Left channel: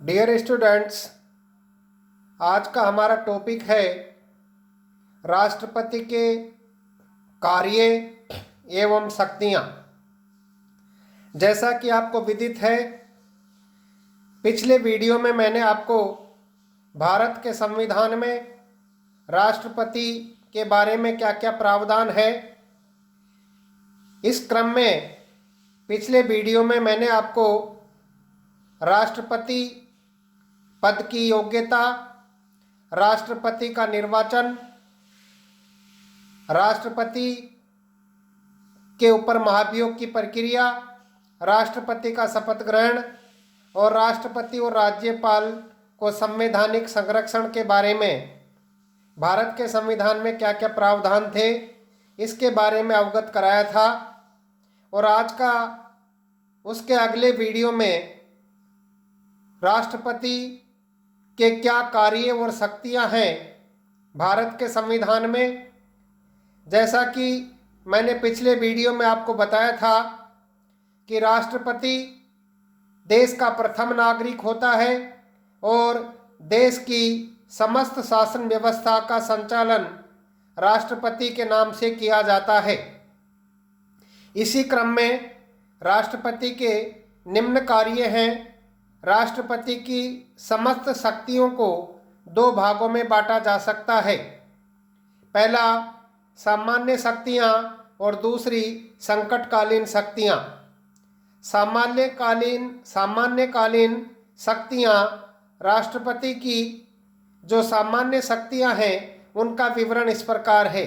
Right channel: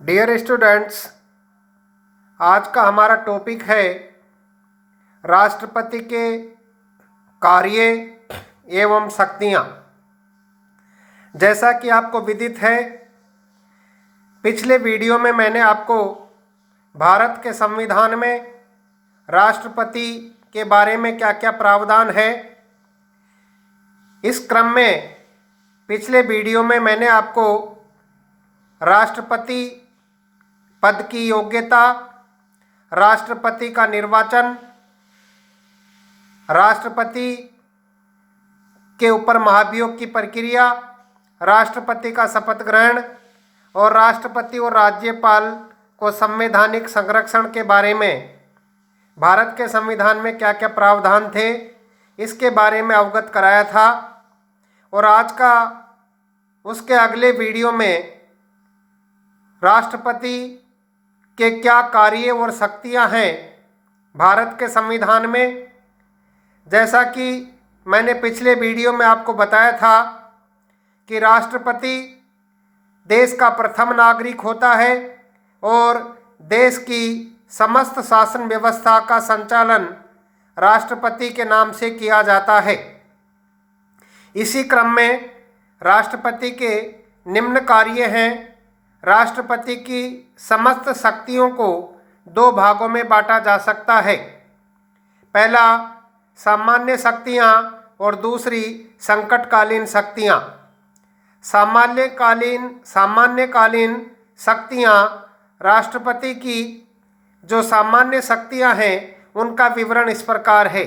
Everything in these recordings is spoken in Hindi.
डियर स्टूडेंट्स, आज का हमारा टॉपिक है राष्ट्रपति के कार्य एवं शक्तियाँ। जैसा कि आपको विदित है, पिछले वीडियो में मैंने आपको भारत के संविधान में राष्ट्रपति के बारे में क्या क्या प्रावधान है, इस क्रम में पिछले वीडियो में मैंने आपको राष्ट्रपति पद की योग्यता, राष्ट्रपति का निर्वाचन, राष्ट्रपति के ऊपर महाभियोग की प्रक्रिया, राष्ट्रपति का शपथ ग्रहण और राष्ट्रपति और राज्यपाल को संवैधानिक संरक्षण के बारे में भारत के संविधान में क्या क्या प्रावधान थे, इसके बारे में अवगत कराया था। और आज का उसके अगले वीडियो में राष्ट्रपति के क्या कार्य और शक्तियां हैं भारत के संविधान में। जैसा कि मैंने पिछले वीडियो में आपको बताया था कि राष्ट्रपति देश का प्रथम नागरिक होता है और देश की समस्त शासन व्यवस्था का संचालन राष्ट्रपति के नाम से किया जाता है। इसी क्रम में राष्ट्रपति के निम्न कार्य हैं। राष्ट्रपति की समस्त शक्तियों को दो भागों में बांटा जा सकता है। पहला सामान्य शक्तियाँ और दूसरी संकटकालीन शक्तियाँ। सामान्यकालीन शक्तियाँ राष्ट्रपति की जो सामान्य शक्तियाँ हैं उनका विवरण इस प्रकार है।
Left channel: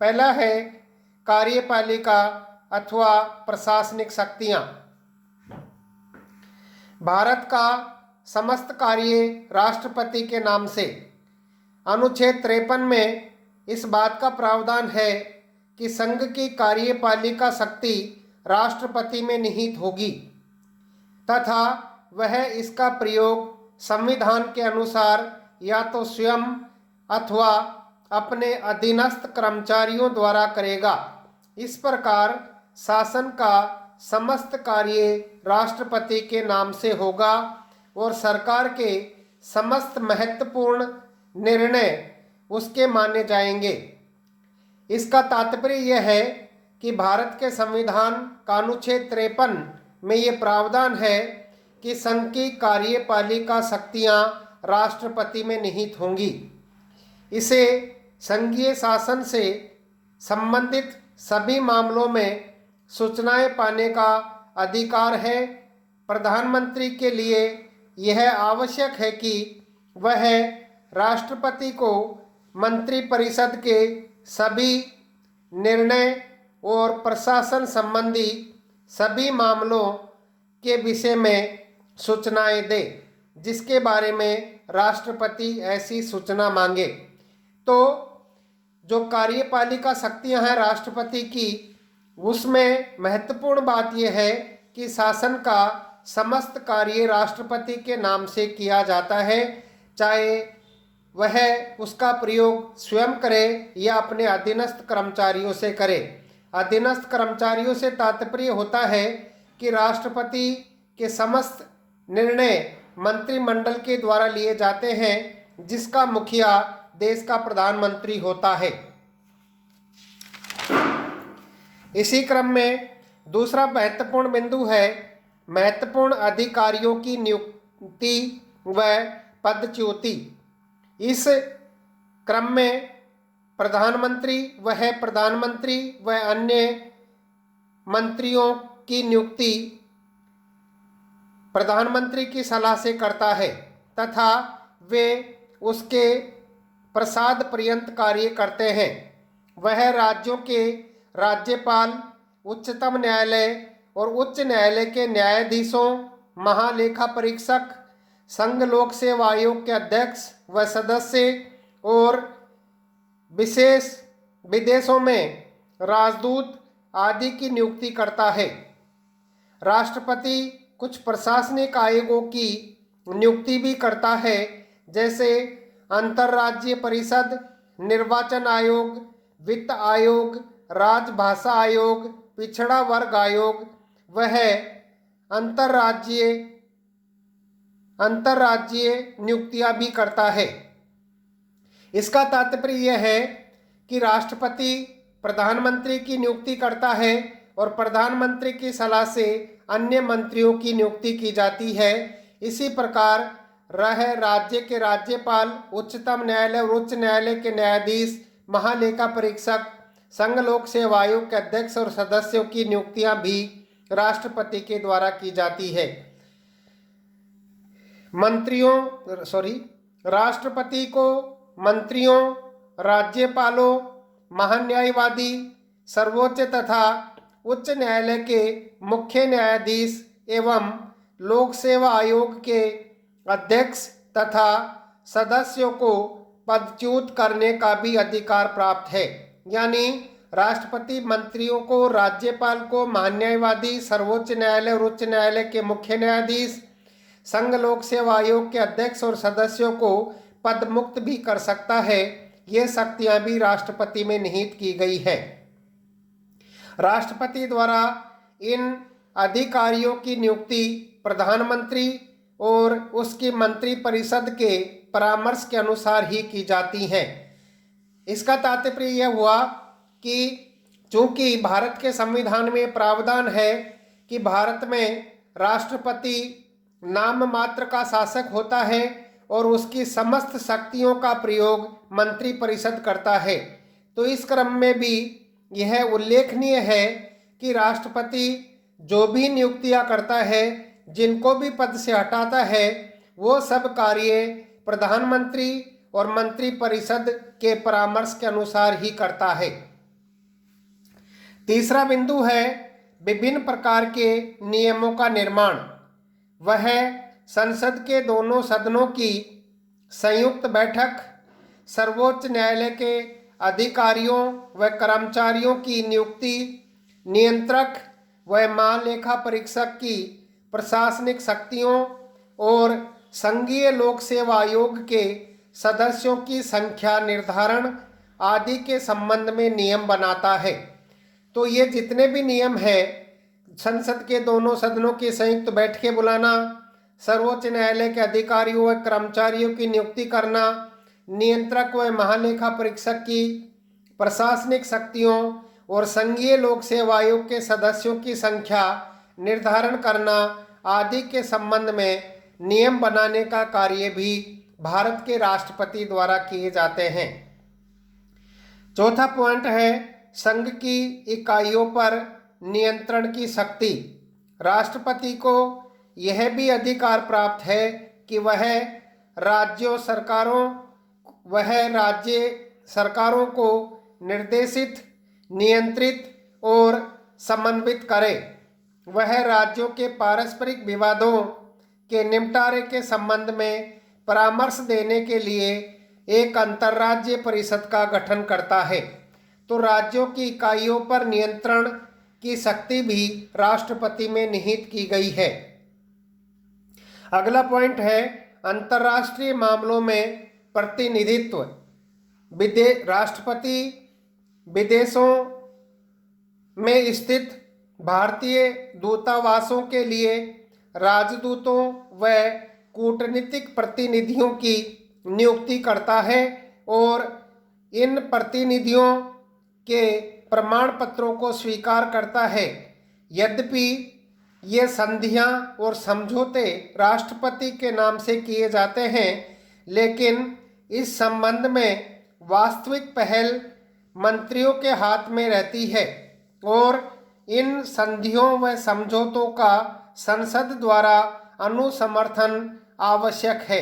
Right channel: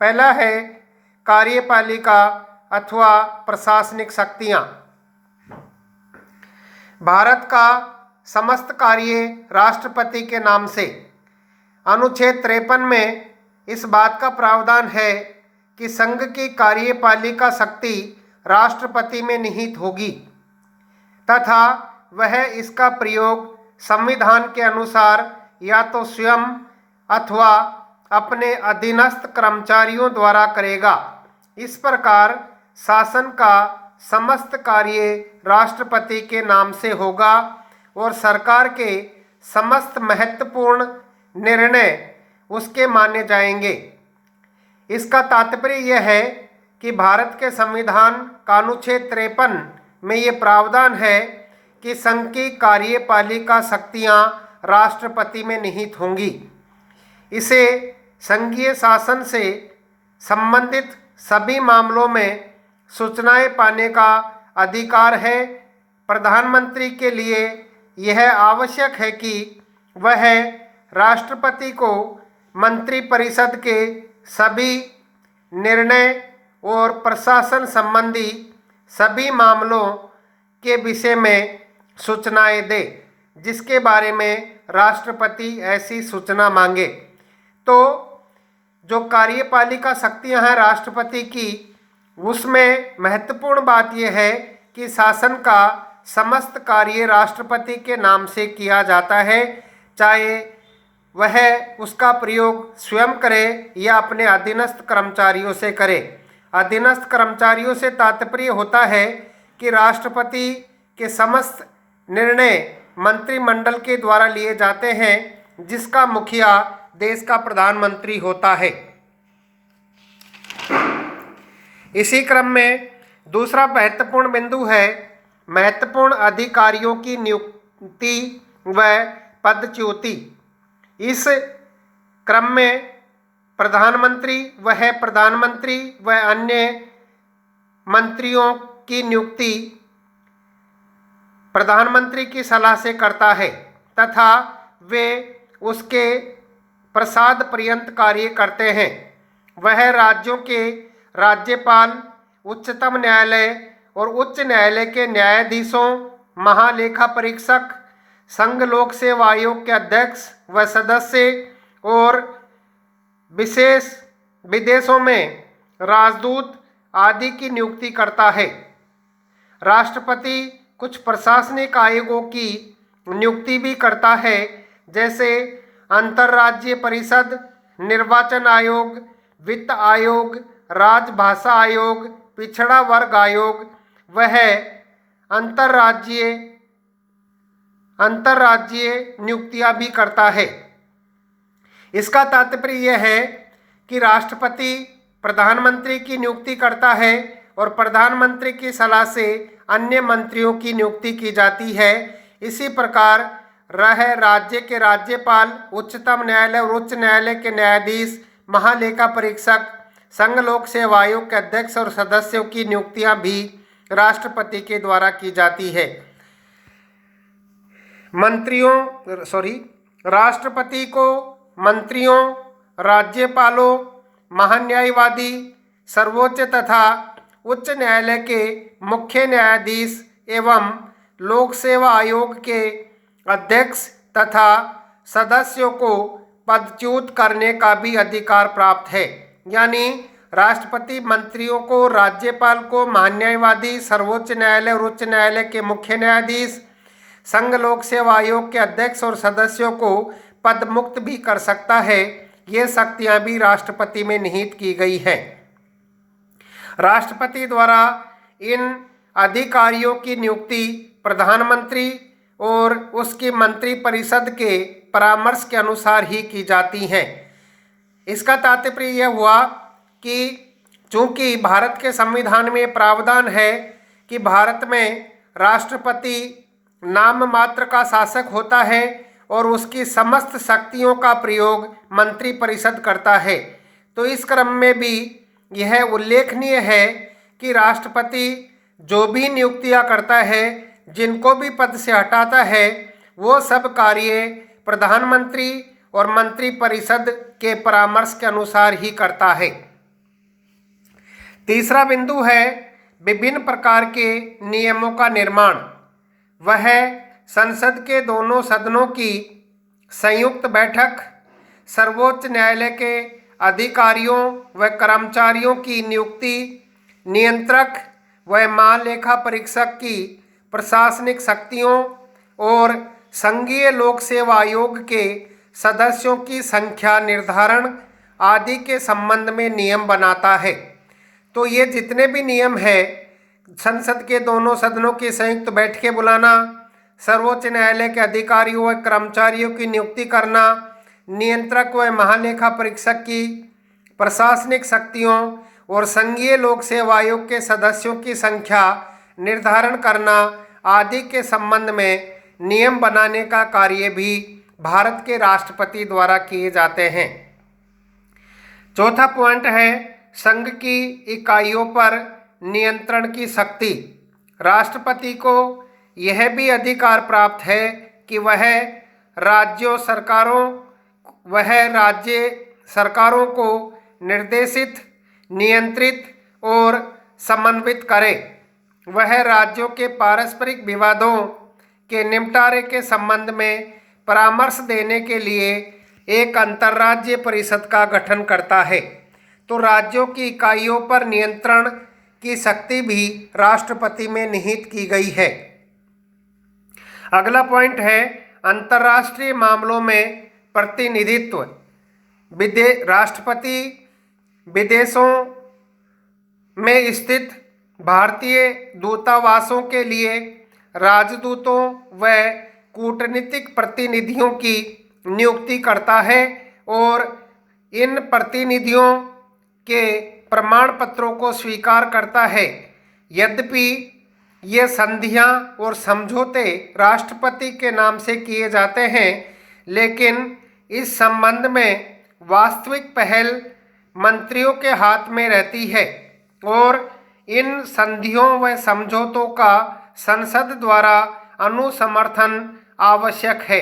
पहला है कार्यपालिका अथवा प्रशासनिक शक्तियाँ। भारत का समस्त कार्य राष्ट्रपति के नाम से। अनुच्छेद 53 में इस बात का प्रावधान है कि संघ की कार्यपालिका शक्ति राष्ट्रपति में निहित होगी तथा वह इसका प्रयोग संविधान के अनुसार या तो स्वयं अथवा अपने अधीनस्थ कर्मचारियों द्वारा करेगा। इस प्रकार शासन का समस्त कार्य राष्ट्रपति के नाम से होगा और सरकार के समस्त महत्वपूर्ण निर्णय उसके माने जाएंगे। इसका तात्पर्य यह है कि भारत के संविधान का अनुच्छेद 53 में ये प्रावधान है कि संघ की कार्यपालिका शक्तियाँ राष्ट्रपति में निहित होंगी। इसे संघीय शासन से संबंधित सभी मामलों में सूचनाएं पाने का अधिकार है। प्रधानमंत्री के लिए यह आवश्यक है कि वह राष्ट्रपति को मंत्रिपरिषद के सभी निर्णय और प्रशासन संबंधी सभी मामलों के विषय में सूचनाएं दे, जिसके बारे में राष्ट्रपति ऐसी सूचना मांगे। तो जो कार्यपालिका शक्तियां हैं राष्ट्रपति की, उसमें महत्वपूर्ण बात यह है कि शासन का समस्त कार्य राष्ट्रपति के नाम से किया जाता है, चाहे वह उसका प्रयोग स्वयं करे या अपने अधीनस्थ कर्मचारियों से करे। अधीनस्थ कर्मचारियों से तात्पर्य होता है कि राष्ट्रपति के समस्त निर्णय मंत्रिमंडल के द्वारा लिए जाते हैं, जिसका मुखिया देश का प्रधानमंत्री होता है। इसी क्रम में दूसरा महत्वपूर्ण बिंदु है महत्वपूर्ण अधिकारियों की नियुक्ति व पदच्युति। इस क्रम में प्रधानमंत्री व अन्य मंत्रियों की नियुक्ति प्रधानमंत्री की सलाह से करता है तथा वे उसके प्रसाद पर्यंत कार्य करते हैं। वह राज्यों के राज्यपाल, उच्चतम न्यायालय और उच्च न्यायालय के न्यायाधीशों, महालेखा परीक्षक, संघ लोक सेवा आयोग के अध्यक्ष व सदस्य और विशेष विदेशों में राजदूत आदि की नियुक्ति करता है। राष्ट्रपति कुछ प्रशासनिक आयोगों की नियुक्ति भी करता है, जैसे अंतर्राज्यीय परिषद, निर्वाचन आयोग, वित्त आयोग, राजभाषा आयोग, पिछड़ा वर्ग आयोग। वह अंतर्राज्यीय अंतर्राज्यीय नियुक्तियां भी करता है। इसका तात्पर्य यह है कि राष्ट्रपति प्रधानमंत्री की नियुक्ति करता है और प्रधानमंत्री की सलाह से अन्य मंत्रियों की नियुक्ति की जाती है। इसी प्रकार राज्य के राज्यपाल, उच्चतम न्यायालय और उच्च न्यायालय के न्यायाधीश, महालेखा परीक्षक, संघ लोक सेवा आयोग के अध्यक्ष और सदस्यों की नियुक्तियां भी राष्ट्रपति के द्वारा की जाती है। राष्ट्रपति को मंत्रियों, राज्यपालों, महान्यायवादी, सर्वोच्च तथा उच्च न्यायालय के मुख्य न्यायाधीश एवं लोक सेवा आयोग के अध्यक्ष तथा सदस्यों को पदच्युत करने का भी अधिकार प्राप्त है। यानी राष्ट्रपति मंत्रियों को, राज्यपाल को, महान्यायवादी, सर्वोच्च न्यायालय और उच्च न्यायालय के मुख्य न्यायाधीश, संघ लोक सेवा आयोग के अध्यक्ष और सदस्यों को पद मुक्त भी कर सकता है। ये शक्तियां भी राष्ट्रपति में निहित की गई है। राष्ट्रपति द्वारा इन अधिकारियों की नियुक्ति प्रधानमंत्री और उसकी मंत्रिपरिषद के परामर्श के अनुसार ही की जाती हैं। इसका तात्पर्य यह हुआ कि चूंकि भारत के संविधान में प्रावधान है कि भारत में राष्ट्रपति नाम मात्र का शासक होता है और उसकी समस्त शक्तियों का प्रयोग मंत्रिपरिषद करता है, तो इस क्रम में भी यह उल्लेखनीय है कि राष्ट्रपति जो भी नियुक्तियां करता है, जिनको भी पद से हटाता है, वो सब कार्य प्रधानमंत्री और मंत्रिपरिषद के परामर्श के अनुसार ही करता है। तीसरा बिंदु है विभिन्न प्रकार के नियमों का निर्माण। वह संसद के दोनों सदनों की संयुक्त बैठक, सर्वोच्च न्यायालय के अधिकारियों व कर्मचारियों की नियुक्ति, नियंत्रक व महालेखा परीक्षक की प्रशासनिक शक्तियों और संघीय लोक सेवा आयोग के सदस्यों की संख्या निर्धारण आदि के संबंध में नियम बनाता है। तो ये जितने भी नियम है, संसद के दोनों सदनों की संयुक्त बैठकें बुलाना, सर्वोच्च न्यायालय के अधिकारियों व कर्मचारियों की नियुक्ति करना, नियंत्रक व महालेखा परीक्षक की प्रशासनिक शक्तियों और संघीय लोक सेवा आयोग के सदस्यों की संख्या निर्धारण करना आदि के संबंध में नियम बनाने का कार्य भी भारत के राष्ट्रपति द्वारा किए जाते हैं। चौथा पॉइंट है संघ की इकाइयों पर नियंत्रण की शक्ति। राष्ट्रपति को यह भी अधिकार प्राप्त है कि वह राज्य सरकारों को निर्देशित, नियंत्रित और समन्वित करे। वह राज्यों के पारस्परिक विवादों के निपटारे के संबंध में परामर्श देने के लिए एक अंतर्राज्यीय परिषद का गठन करता है। तो राज्यों की इकाइयों पर नियंत्रण की शक्ति भी राष्ट्रपति में निहित की गई है। अगला पॉइंट है अंतर्राष्ट्रीय मामलों में प्रतिनिधित्व। राष्ट्रपति विदेशों में स्थित भारतीय दूतावासों के लिए राजदूतों व कूटनीतिक प्रतिनिधियों की नियुक्ति करता है और इन प्रतिनिधियों के प्रमाण पत्रों को स्वीकार करता है। यद्यपि ये संधियां और समझौते राष्ट्रपति के नाम से किए जाते हैं, लेकिन इस संबंध में वास्तविक पहल मंत्रियों के हाथ में रहती है और इन संधियों व समझौतों का संसद द्वारा अनुसमर्थन आवश्यक है।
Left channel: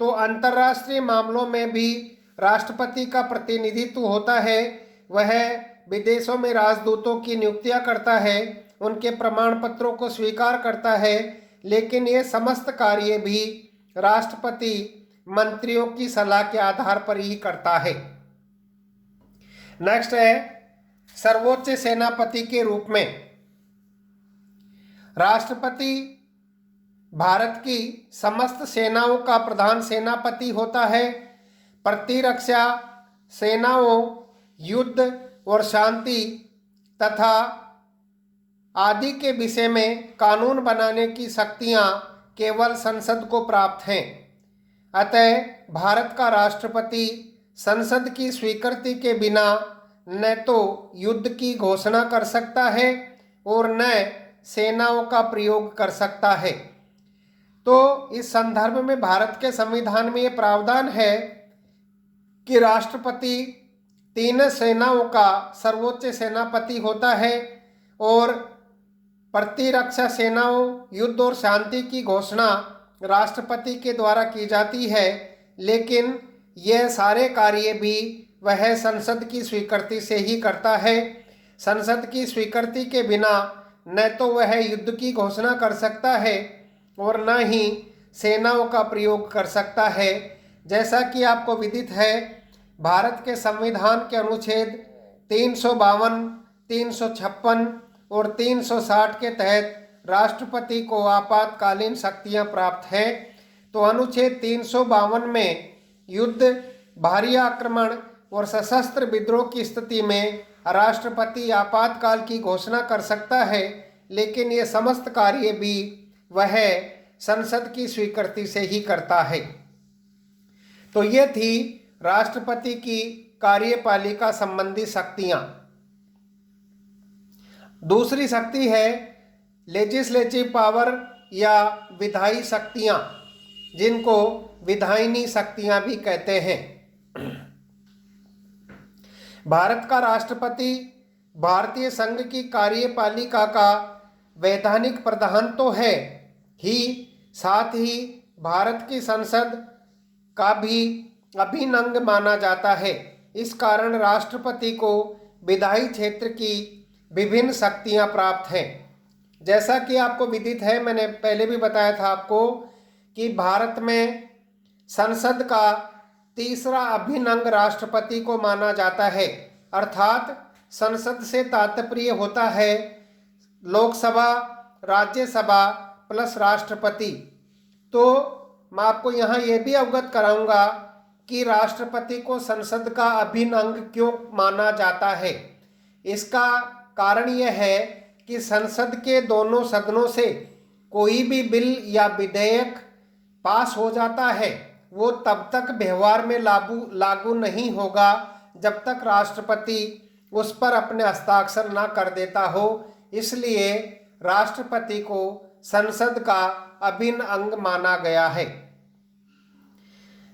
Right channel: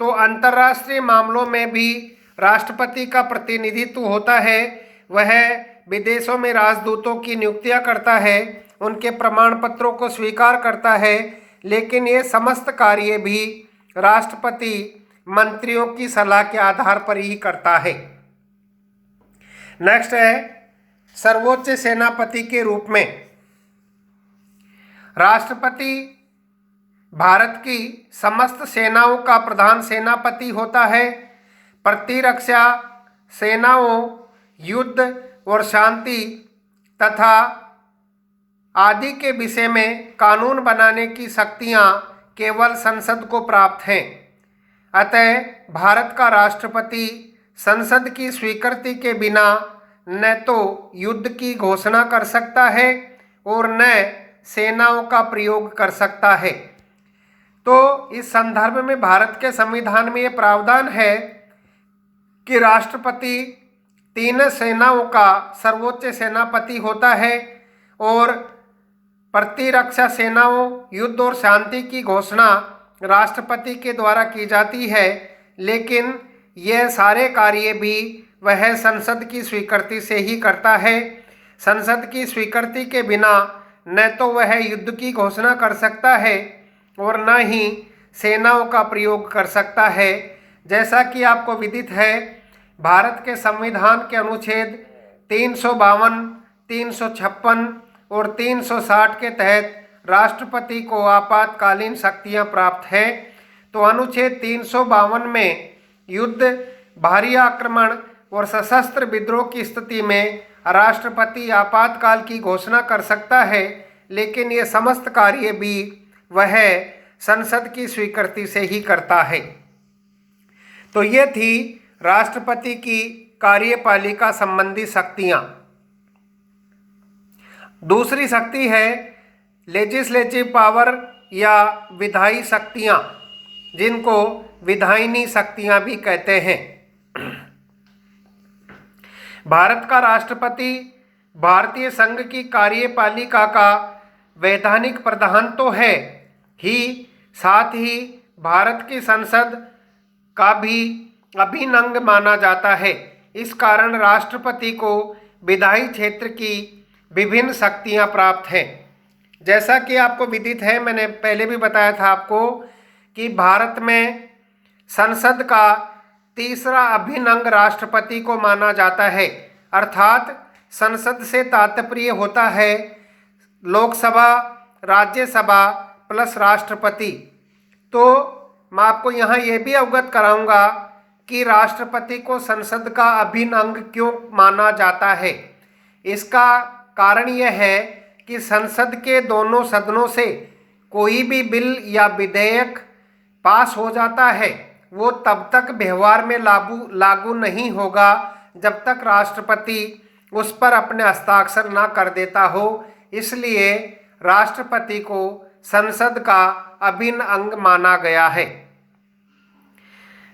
तो अंतर्राष्ट्रीय मामलों में भी राष्ट्रपति का प्रतिनिधित्व होता है। वह विदेशों में राजदूतों की नियुक्तियां करता है, उनके प्रमाण पत्रों को स्वीकार करता है, लेकिन ये समस्त कार्य भी राष्ट्रपति मंत्रियों की सलाह के आधार पर ही करता है। नेक्स्ट है सर्वोच्च सेनापति के रूप में। राष्ट्रपति भारत की समस्त सेनाओं का प्रधान सेनापति होता है। प्रतिरक्षा सेनाओं, युद्ध और शांति तथा आदि के विषय में कानून बनाने की शक्तियां केवल संसद को प्राप्त हैं। अतः भारत का राष्ट्रपति संसद की स्वीकृति के बिना न तो युद्ध की घोषणा कर सकता है और न सेनाओं का प्रयोग कर सकता है। तो इस संदर्भ में भारत के संविधान में ये प्रावधान है कि राष्ट्रपति 3 सेनाओं का सर्वोच्च सेनापति होता है और प्रतिरक्षा सेनाओं, युद्ध और शांति की घोषणा राष्ट्रपति के द्वारा की जाती है, लेकिन यह सारे कार्य भी वह संसद की स्वीकृति से ही करता है। संसद की स्वीकृति के बिना न तो वह युद्ध की घोषणा कर सकता है और न ही सेनाओं का प्रयोग कर सकता है। जैसा कि आपको विदित है, भारत के संविधान के अनुच्छेद 352, 356 और 360 के तहत राष्ट्रपति को आपातकालीन शक्तियां प्राप्त हैं। तो अनुच्छेद 352 में युद्ध, भारी आक्रमण और सशस्त्र विद्रोह की स्थिति में राष्ट्रपति आपातकाल की घोषणा कर सकता है, लेकिन ये समस्त कार्य भी वह संसद की स्वीकृति से ही करता है। तो ये थी राष्ट्रपति की कार्यपालिका संबंधी शक्तियां। दूसरी शक्ति है लेजिस्लेटिव पावर या विधायी शक्तियां, जिनको विधायिनी शक्तियां भी कहते हैं। भारत का राष्ट्रपति भारतीय संघ की कार्यपालिका का वैधानिक प्रधान तो है ही, साथ ही भारत की संसद का भी अभिन्न अंग माना जाता है। इस कारण राष्ट्रपति को विधायी क्षेत्र की विभिन्न शक्तियां प्राप्त हैं। जैसा कि आपको विदित है, मैंने पहले भी बताया था आपको कि भारत में संसद का तीसरा अभिन्न अंग राष्ट्रपति को माना जाता है। अर्थात संसद से तात्पर्य होता है लोकसभा, राज्यसभा प्लस राष्ट्रपति। तो मैं आपको यहाँ ये भी अवगत कराऊंगा कि राष्ट्रपति को संसद का अभिन्न अंग क्यों माना जाता है। इसका कारण यह है कि संसद के दोनों सदनों से कोई भी बिल या विधेयक पास हो जाता है, वो तब तक व्यवहार में लागू नहीं होगा जब तक राष्ट्रपति उस पर अपने हस्ताक्षर ना कर देता हो। इसलिए राष्ट्रपति को संसद का अभिन्न अंग माना गया है।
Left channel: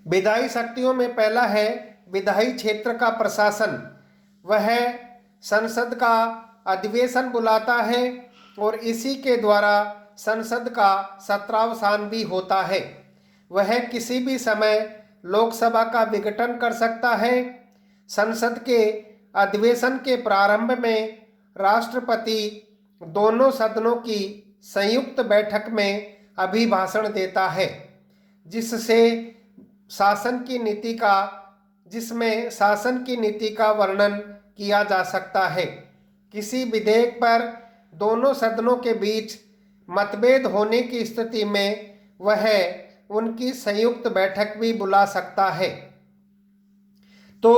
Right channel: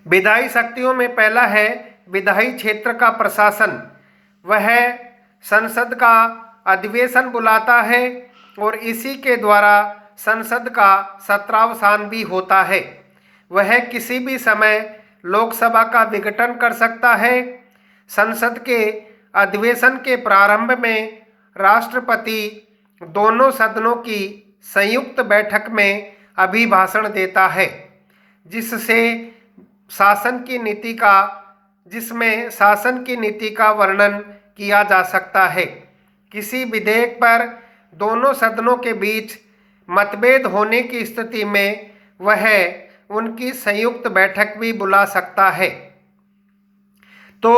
विधायी शक्तियों में पहला है विधायी क्षेत्र का प्रशासन। वह संसद का अधिवेशन बुलाता है और इसी के द्वारा संसद का सत्रावसान भी होता है। वह किसी भी समय लोकसभा का विघटन कर सकता है। संसद के अधिवेशन के प्रारंभ में राष्ट्रपति दोनों सदनों की संयुक्त बैठक में अभिभाषण देता है, जिसमें शासन की नीति का वर्णन किया जा सकता है। किसी विधेयक पर दोनों सदनों के बीच मतभेद होने की स्थिति में वह उनकी संयुक्त बैठक भी बुला सकता है। तो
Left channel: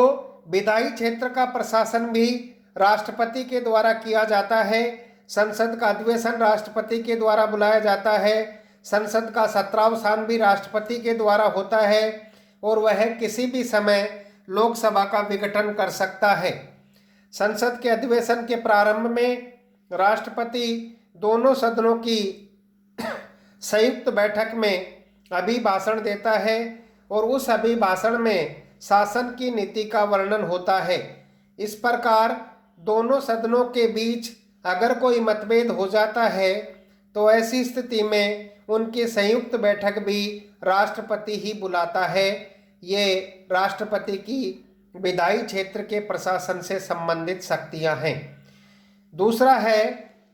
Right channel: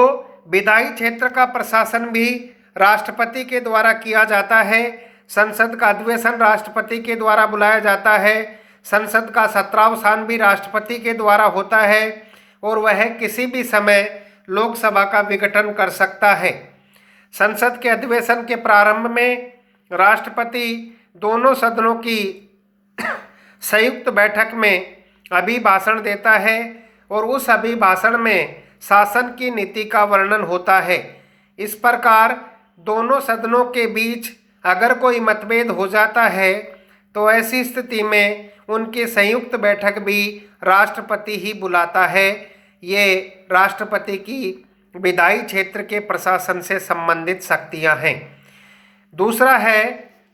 विधायी क्षेत्र का प्रशासन भी राष्ट्रपति के द्वारा किया जाता है। संसद का अधिवेशन राष्ट्रपति के द्वारा बुलाया जाता है। संसद का सत्रावसान भी राष्ट्रपति के द्वारा होता है और वह किसी भी समय लोकसभा का विघटन कर सकता है। संसद के अधिवेशन के प्रारंभ में राष्ट्रपति दोनों सदनों की संयुक्त बैठक में अभिभाषण देता है और उस अभिभाषण में शासन की नीति का वर्णन होता है। इस प्रकार दोनों सदनों के बीच अगर कोई मतभेद हो जाता है तो ऐसी स्थिति में उनकी संयुक्त बैठक भी राष्ट्रपति ही बुलाता है। ये राष्ट्रपति की विधायी क्षेत्र के प्रशासन से संबंधित शक्तियां हैं। दूसरा है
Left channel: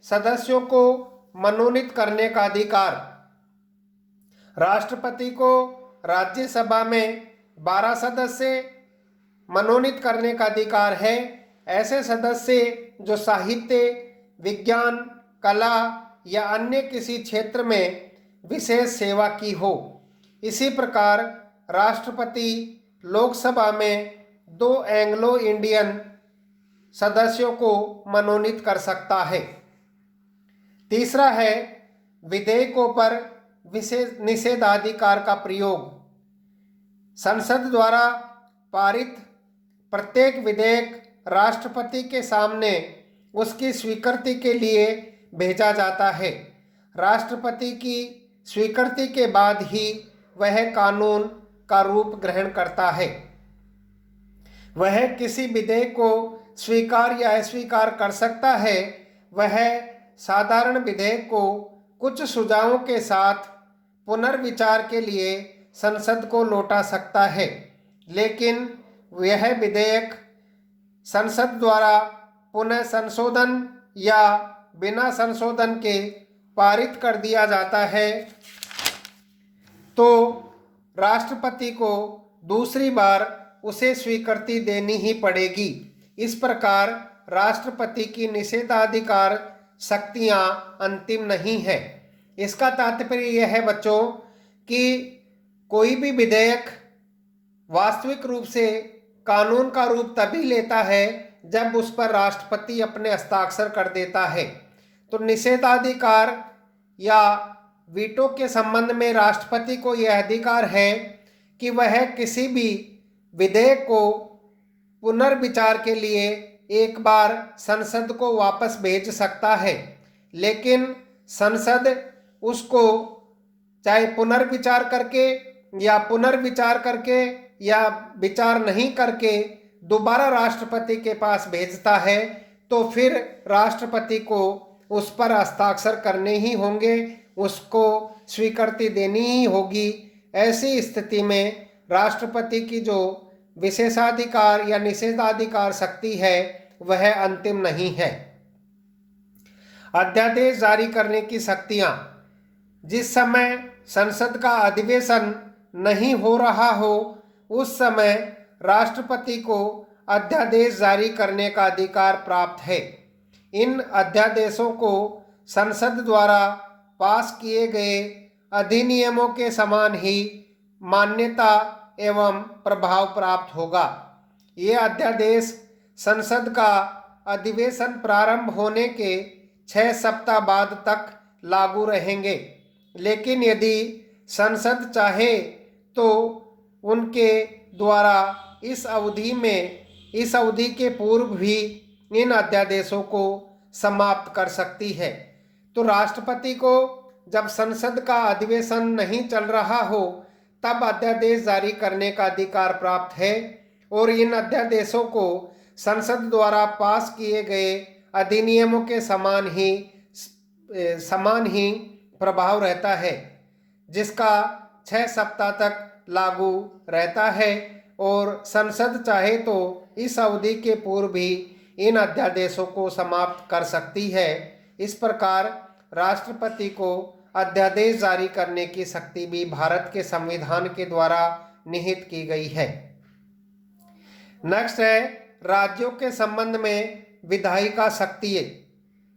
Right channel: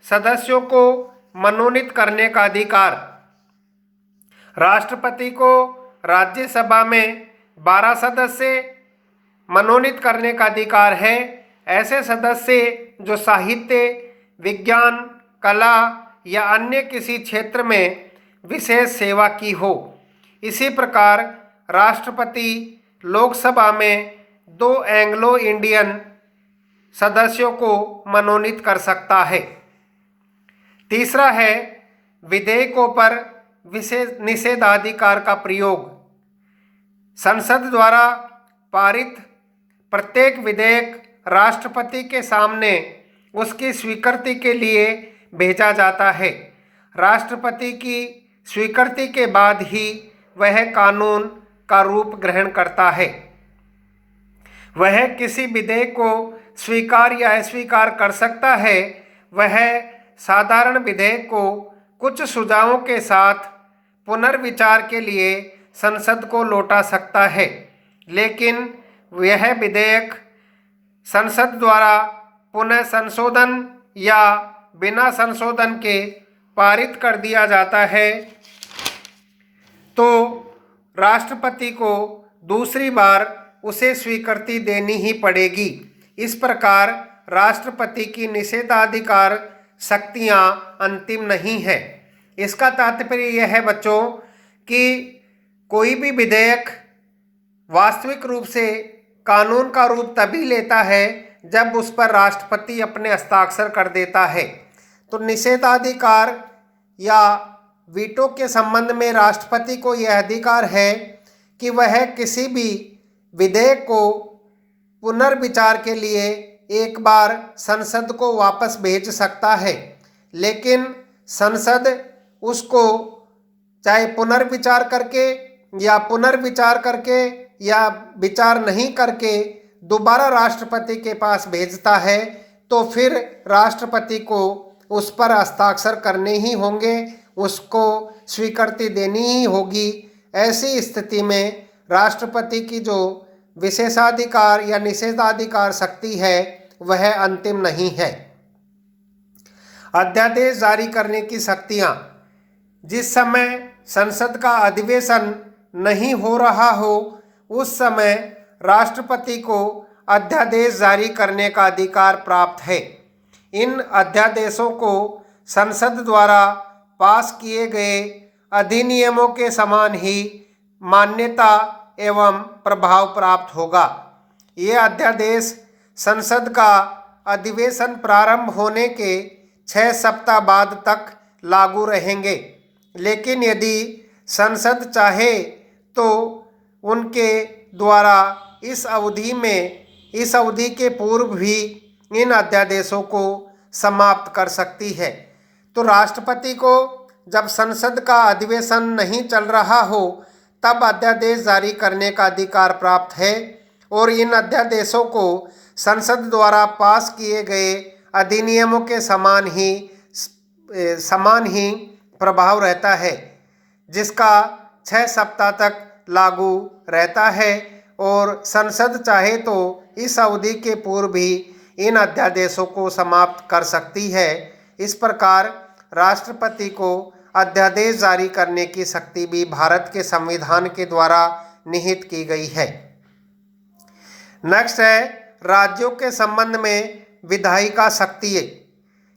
सदस्यों को मनोनीत करने का अधिकार। राष्ट्रपति को राज्यसभा में 12 सदस्य मनोनीत करने का अधिकार है। ऐसे सदस्य जो साहित्य, विज्ञान, कला या अन्य किसी क्षेत्र में विशेष सेवा की हो। इसी प्रकार राष्ट्रपति लोकसभा में 2 एंग्लो इंडियन सदस्यों को मनोनीत कर सकता है। तीसरा है विधेयकों पर विशेष निषेधाधिकार का प्रयोग। संसद द्वारा पारित प्रत्येक विधेयक राष्ट्रपति के सामने उसकी स्वीकृति के लिए भेजा जाता है। राष्ट्रपति की स्वीकृति के बाद ही वह कानून का रूप ग्रहण करता है। वह किसी विधेयक को स्वीकार या अस्वीकार कर सकता है। वह साधारण विधेयक को कुछ सुझावों के साथ पुनर्विचार के लिए संसद को लौटा सकता है, लेकिन यह विधेयक संसद द्वारा पुनः संशोधन या बिना संशोधन के पारित कर दिया जाता है तो राष्ट्रपति को दूसरी बार उसे स्वीकृति देनी ही पड़ेगी। इस प्रकार राष्ट्रपति की निषेधाधिकार शक्तियां अंतिम नहीं है। इसका तात्पर्य यह है बच्चों कि कोई भी विधेयक वास्तविक रूप से कानून का रूप तभी लेता है जब उस पर राष्ट्रपति अपने हस्ताक्षर कर देता है। तो निषेधाधिकार या वीटो के संबंध में राष्ट्रपति को यह अधिकार है कि वह किसी भी विधेयक को पुनर्विचार के लिए एक बार संसद को वापस भेज सकता है, लेकिन संसद उसको चाहे पुनर्विचार करके या विचार नहीं करके दोबारा राष्ट्रपति के पास भेजता है, तो फिर राष्ट्रपति को उस पर हस्ताक्षर करने ही होंगे, उसको स्वीकृति देनी ही होगी। ऐसी स्थिति में राष्ट्रपति की जो विशेषाधिकार या निषेधाधिकार शक्ति है वह अंतिम नहीं है। अध्यादेश जारी करने की शक्तियां। जिस समय संसद का अधिवेशन नहीं हो रहा हो उस समय राष्ट्रपति को अध्यादेश जारी करने का अधिकार प्राप्त है। इन अध्यादेशों को संसद द्वारा पास किए गए अधिनियमों के समान ही मान्यता एवं प्रभाव प्राप्त होगा। ये अध्यादेश संसद का अधिवेशन प्रारंभ होने के 6 सप्ताह बाद तक लागू रहेंगे, लेकिन यदि संसद चाहे तो उनके द्वारा इस अवधि के पूर्व भी इन अध्यादेशों को समाप्त कर सकती है। तो राष्ट्रपति को जब संसद का अधिवेशन नहीं चल रहा हो तब अध्यादेश जारी करने का अधिकार प्राप्त है और इन अध्यादेशों को संसद द्वारा पास किए गए अधिनियमों के समान ही प्रभाव रहता है, जिसका 6 सप्ताह तक लागू रहता है और संसद चाहे तो इस अवधि के पूर्व भी इन अध्यादेशों को समाप्त कर सकती है। इस प्रकार राष्ट्रपति को अध्यादेश जारी करने की शक्ति भी भारत के संविधान के द्वारा निहित की गई है। नेक्स्ट है राज्यों के संबंध में विधायिका शक्ति।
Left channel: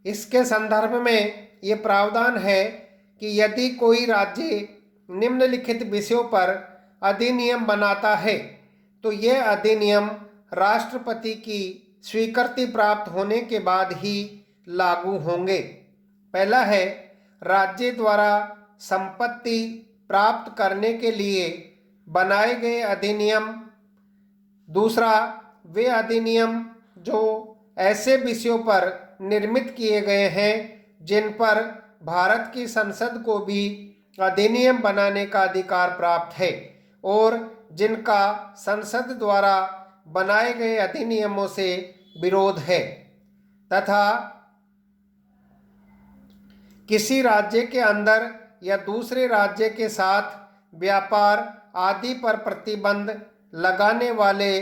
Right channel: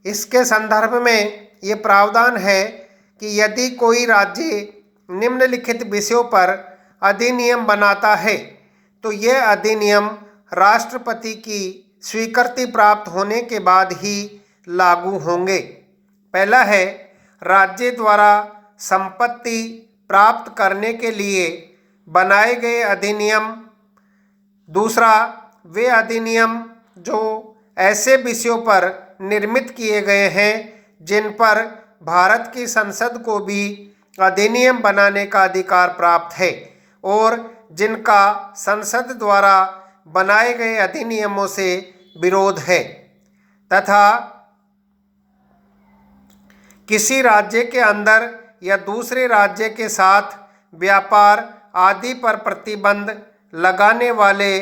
इसके संदर्भ में ये प्रावधान है कि यदि कोई राज्य निम्नलिखित विषयों पर अधिनियम बनाता है तो यह अधिनियम राष्ट्रपति की स्वीकृति प्राप्त होने के बाद ही लागू होंगे। पहला है राज्य द्वारा संपत्ति प्राप्त करने के लिए बनाए गए अधिनियम। दूसरा, वे अधिनियम जो ऐसे विषयों पर निर्मित किए गए हैं जिन पर भारत की संसद को भी अधिनियम बनाने का अधिकार प्राप्त है और जिनका संसद द्वारा बनाए गए अधिनियमों से विरोध है, तथा किसी राज्य के अंदर या दूसरे राज्य के साथ व्यापार आदि पर प्रतिबंध लगाने वाले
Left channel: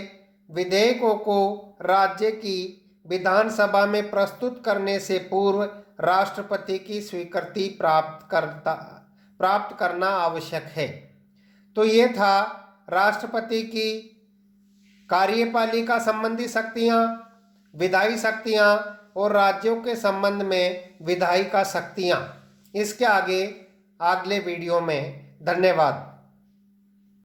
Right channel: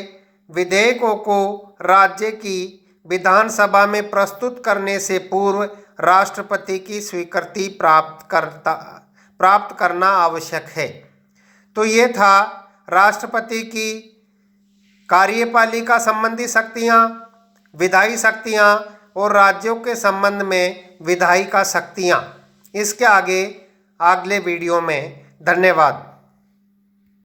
विधेयकों को राज्य की विधानसभा में प्रस्तुत करने से पूर्व राष्ट्रपति की स्वीकृति प्राप्त करना आवश्यक है। तो ये था राष्ट्रपति की कार्यपालिका संबंधी शक्तियाँ, विधायी शक्तियाँ और राज्यों के संबंध में विधायिका शक्तियाँ। इसके आगे अगले वीडियो में। धन्यवाद।